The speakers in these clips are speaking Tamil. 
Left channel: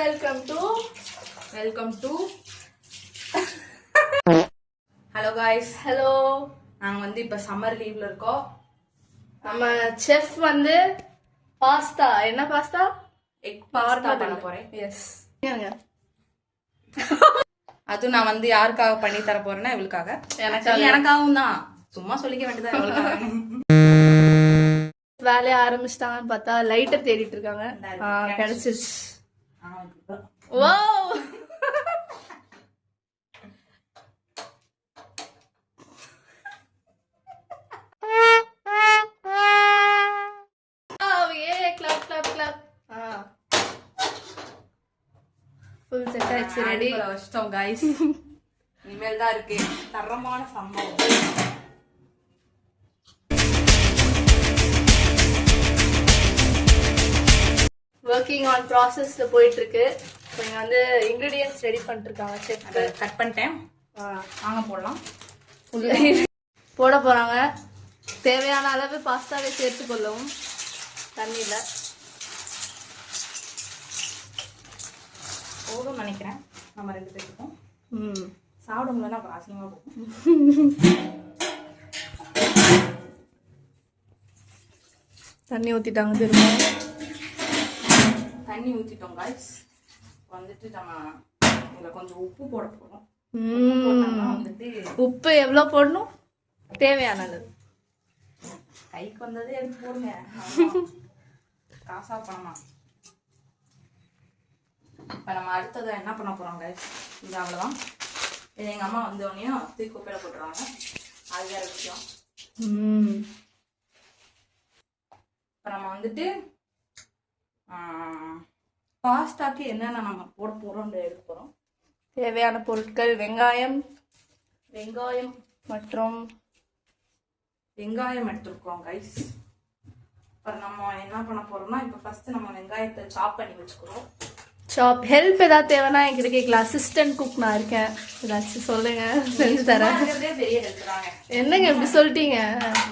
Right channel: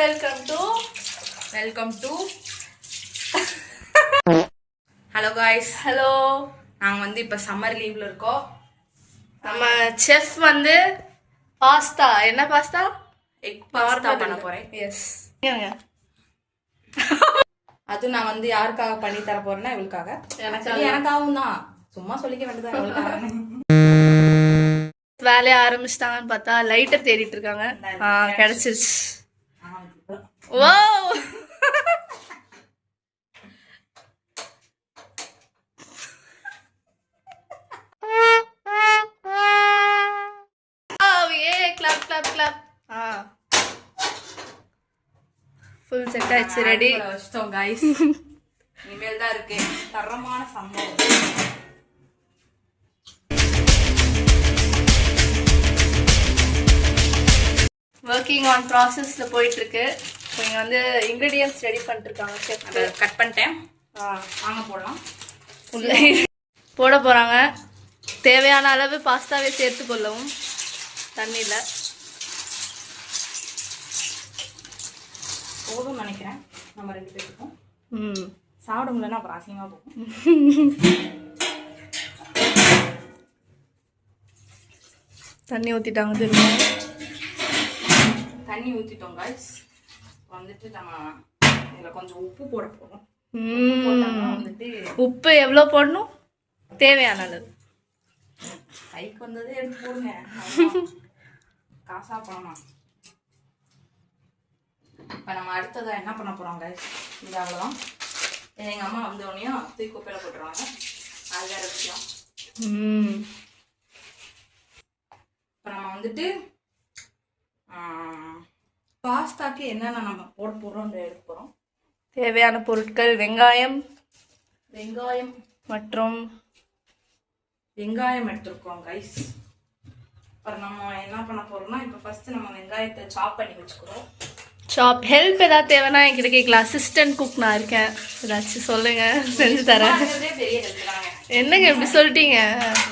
Welcome to hello guys. Hello, நாங்கள் வந்து இப்போ சம்மர் லீவ்ல இருக்கோம். நம்ம செஃப் வந்து பாஸ்தா, என்ன பாஸ்தா? எக் பாஸ்தா பண்ண போறேன். எஸ். அதுவும் நான் வந்து யாருக்காக பண்ணி தர போறேன்னா இவளுக்காக. எனக்காகவும் தான், சும்மா சொல்லிக்க வேண்டியதான் இவளுக்காக. வேலையை ஆரம்பிச்சிட்டாங்கன்னு பார்த்தா லைட்டர் தேடிட்டு இருக்காங்க. கிடைச்சிருச்சு. ஓ, ஃபுல் செட் ஆயிடுச்சு, ரெடி வச்சிட்டோம் गाइस. இனிமேல் தான் இருக்கு தரமான சம்பவம். ஒர்க்கிங் ஆன் ப்ராசஸ்ல போயிட்டு இருக்கு. இங்க வந்து இன்கிரிடியன்ட்ஸ் ரெடி பண்ணிட்டு இருக்காங்க. செஃப் அதை கட் பண்ணிட்டேன். வாங்க போடலாம். உள்ள போட போறாங்க. தேவையான அளவு பாஸ்தாவை சேர்த்து கொள்ளவும் தண்ணியில. போதும் நினைக்கிறேன் நம்ம ரெண்டு பேருக்கும். சாப்பிட முடியலன்னா அப்புறம் அசிங்கமா போகும். தண்ணி ஊத்திட்டாங்க. திரும்ப தண்ணி ஊத்திட்டோம் गाइस. வந்துட்டு நம்ம இதுல கொஞ்சம் உப்பு போட போறோம். உப்பு எவ்வளோ போடணும்? தேவையான அளவு. கைக்கு வந்ததே எடுத்து போடுங்க. காசா பணமா. இப்போ நம்ம அடுத்ததான் என்ன பண்ண போறோம் गाइस? இது அவ்வளோதான். எங்க அம்மா வந்த உடனே தூக்கி குப்பையில போட்டுருவாங்க. அது வேற விஷயம். இப்போ நம்ம வந்துட்டு பாஸ்தாக்கு என்னென்ன நம்ம போட போறோம் எடுக்க போறோம். தேவையான பொருட்கள் வெங்காயம் மற்றும் வெங்காயம் எடுத்துருக்கோம் गाइस. அப்புறம் நம்ம என்ன பண்ண போறோம்னா இப்போ ஃபர்ஸ்ட் நம்ம வெங்காயத்தை சாப் பண்ணி வச்சுக்கிறோம். சாப் ஹெல்ப் ஏதாவது தேவைன்னா என்கிட்ட கேட்கலாம். அசிஸ்டன்ட் குக் நான் இருக்கேன். ஏதாச்சும் சொல்லுங்க, செஞ்சு தரேன். பெரிய ஹெல்ப் தாங்க. என்னங்க இப்படி சொல்லிட்டீங்க?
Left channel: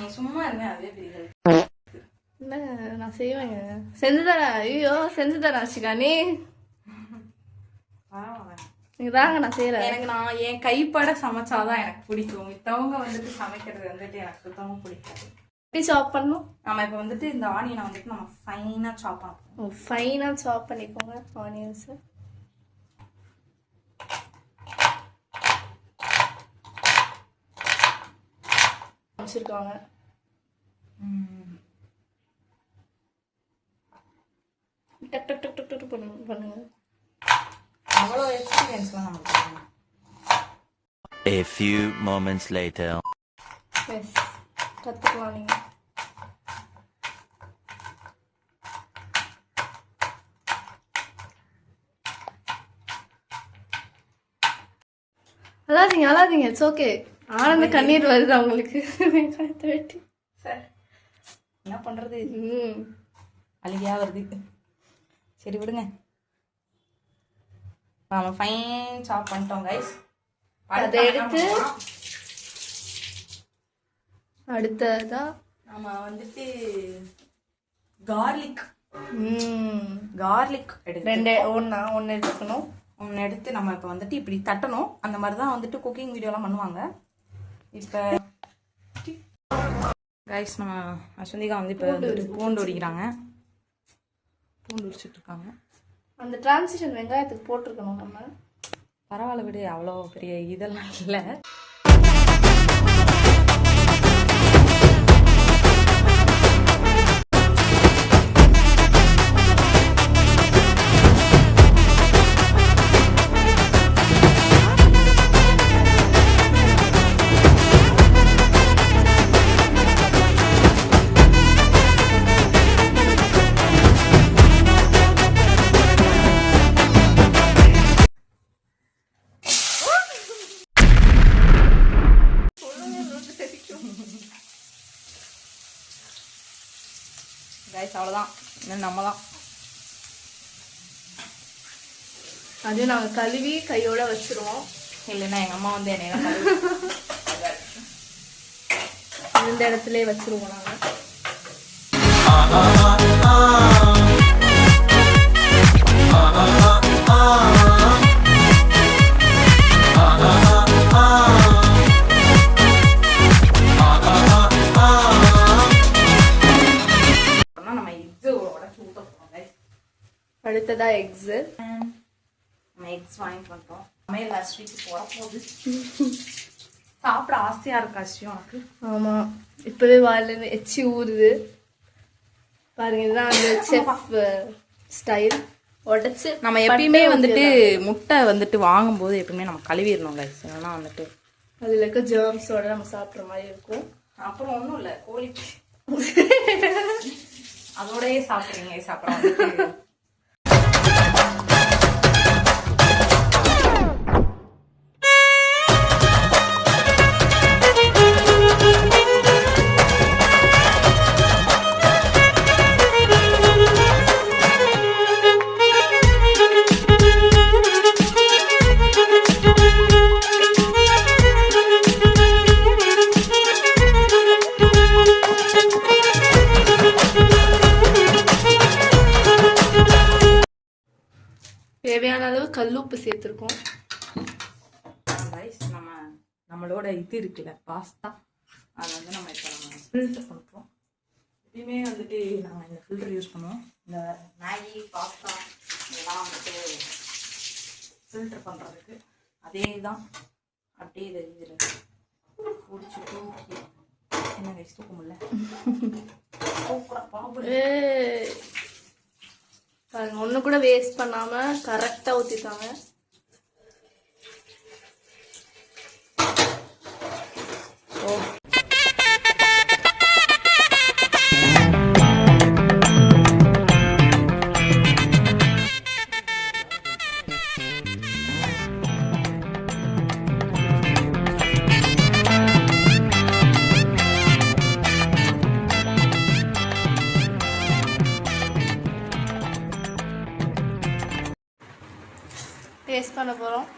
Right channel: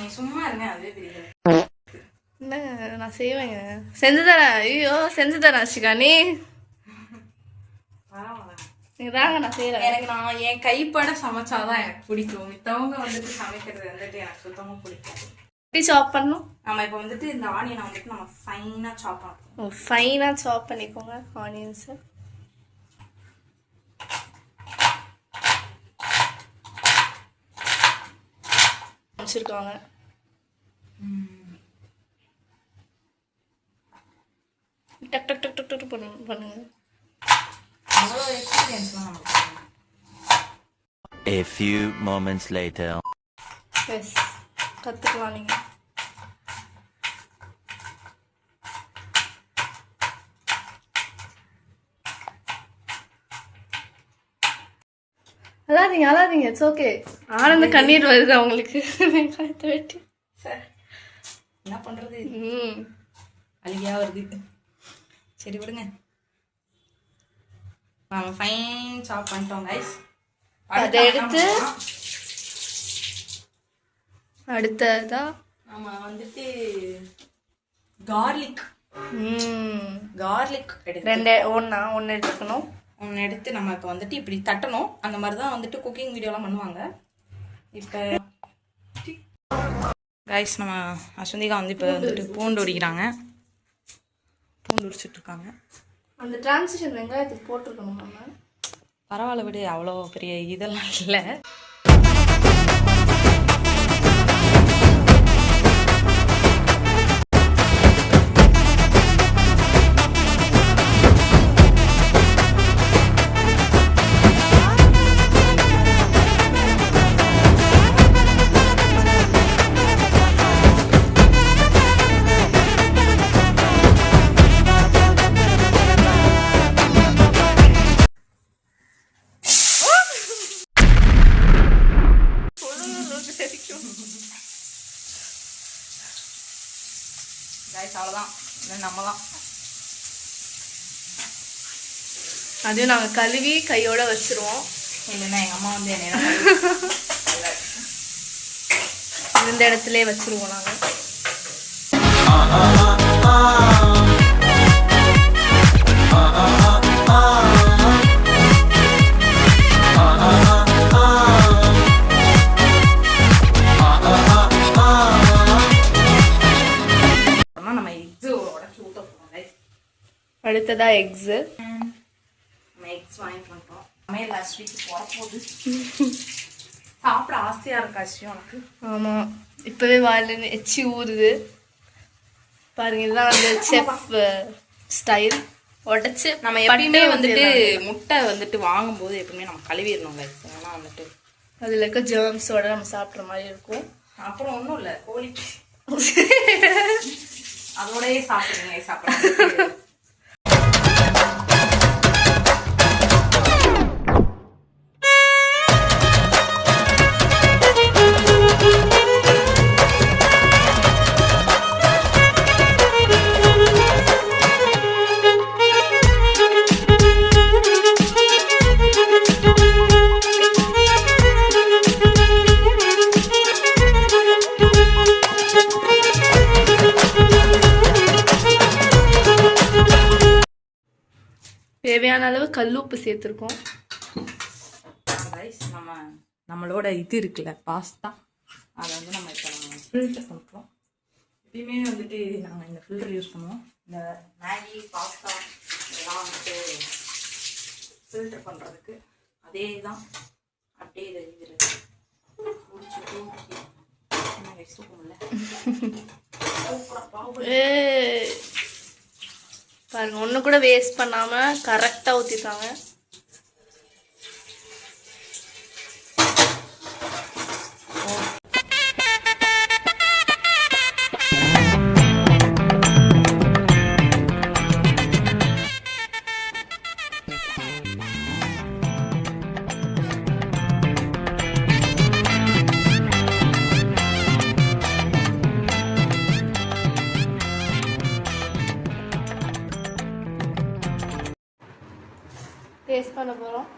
நீ சும்மா இருங்க, அதுவே பெரிய ஹெல்ப். என்னங்க நான் செய்வேங்க, செஞ்சு தரேன். ஐயோ செஞ்சு தரேன் அஷிகா. நீங்க தாங்க, நான் செய்யறேன். எனக்கு நான் என் கைப்பட சமைச்சாதான் எனக்கு பிடிக்கும். மித்தவங்க வந்துட்டு சமைக்கிறது வந்துட்டு எனக்கு சுத்தமா பிடிக்காது. எப்படி சாப் பண்ணணும்? நம்ம இப்போ வந்துட்டு இந்த ஆனியனை வந்துட்டு நம்ம ஃபைனா சாப் பண்ணணும். ஃபைனா சாப் பண்ணிக்கோங்க ஆனியன்ஸ். வச்சிருக்காங்க. டக் டக் டக் டக் டக் பண்ணுங்க. அவ்வளோ எக்ஸ்பீரியன்ஸ்லாம் நமக்கு. A few moments later. Yes, கற்றுக்கலாம் நீங்கள். அழாதீங்க, இட்ஸ் ஓகே. ஆனந்த கண்ணீர் வருது அவங்களுக்கு. வெங்காயத்தை வெட்டி சார் என்ன பண்ணுறது, அழுகியா வருது. சரி விடுங்க. நம்ம ஃபைன் சாப் பண்ணிட்டோம் गाइस. அதை எடுத்து அடுத்ததா நம்ம வந்துட்டு கார்லிக் ஒன்று எடுத்துக்கணும். ஒன்று எடுத்து நம்ம இப்போ வந்துட்டு இப்படி தட்டணும். அந்த மாதிரி தான் வந்துட்டு குக்கிங் வீடியோலாம் பண்ணுவாங்க. இப்போ गाइस நம்ம அஸ்வந்திகா வந்து இப்போ வந்துட்டு பூண்டு உரிக்கிறாங்க. பூண்டு உரிச்சிட்டு இருக்காங்க. அந்த டிரான்சிஷன் வெங்காயத்துக்கு போட்டிருக்கணும் நம்ம. பரவாயில்ல விடு, அவ்வளோ பெரிய இதெல்லாம் இல்லை. गाइस அவ்வளோதான், நம்ம தான். அதையும் நாங்கள் கழுவி கையோட வச்சிருவோம். இல்லைன்னா எங்கள் அம்மா வந்து என்ன இந்த இடத்துல வச்சிருவோம் நாங்கள். அடுத்ததா எக்ஸு. நம்ம எக்ஸ் வாங்கிட்டு வந்துட்டோம். சமையல் லாஸ்ட் வீக் போகுது. சாப்பிட ஆசையா இருக்கு அஸ்வின் உனக்கு. ஆமாம், இப்போவே வாயில எச்சி ஊறுது. பாருங்க, இதுதான் அந்த செஃப் ஸ்டைல். உடச்சி நம்ம எப்பயுமே வந்துட்டு முட்டை வந்துட்டு வாங்கும்போது எப்பவுமே நம்ம கழுவிடணும் கைஸ். ஏன்னா வந்துட்டு அதில் இருக்க ஜெர்ம்ஸோட நம்ம சாப்பிட்ற மாதிரி இருக்கும். அப்புறம் ஒன்றும் இல்லை, கோழி அதோடயே சாப்பிடுங்க சாப்பிட்றாங்க. தேவையான அளவு கல்லுப்பு சேர்த்துருக்கோம். நம்மளோட இது இருக்குல்ல பாஸ்தா, அதை வந்து நம்ம இப்போ நம்ம ஃபில்டர் பண்ணுறோம். எப்பயுமே வந்துட்டு நாங்கள் இந்த ஃபில்டர் யூஸ் பண்ணுவோம். இந்த மேகி பாஸ்தா இதெல்லாம் வந்துட்டு ஃபில்டர் பண்ணுறதுக்கு அதே தான். அப்படியே இதை இதில் பிடிச்சி தூக்கி என்ன கைஸ் தூக்க முடியல. பாருங்க, ஒன்று கூட வேஸ்ட் பண்ணாமல் கரெக்டாக ஊற்றிருக்காங்க. டேஸ்ட் பண்ண போகிறோம்.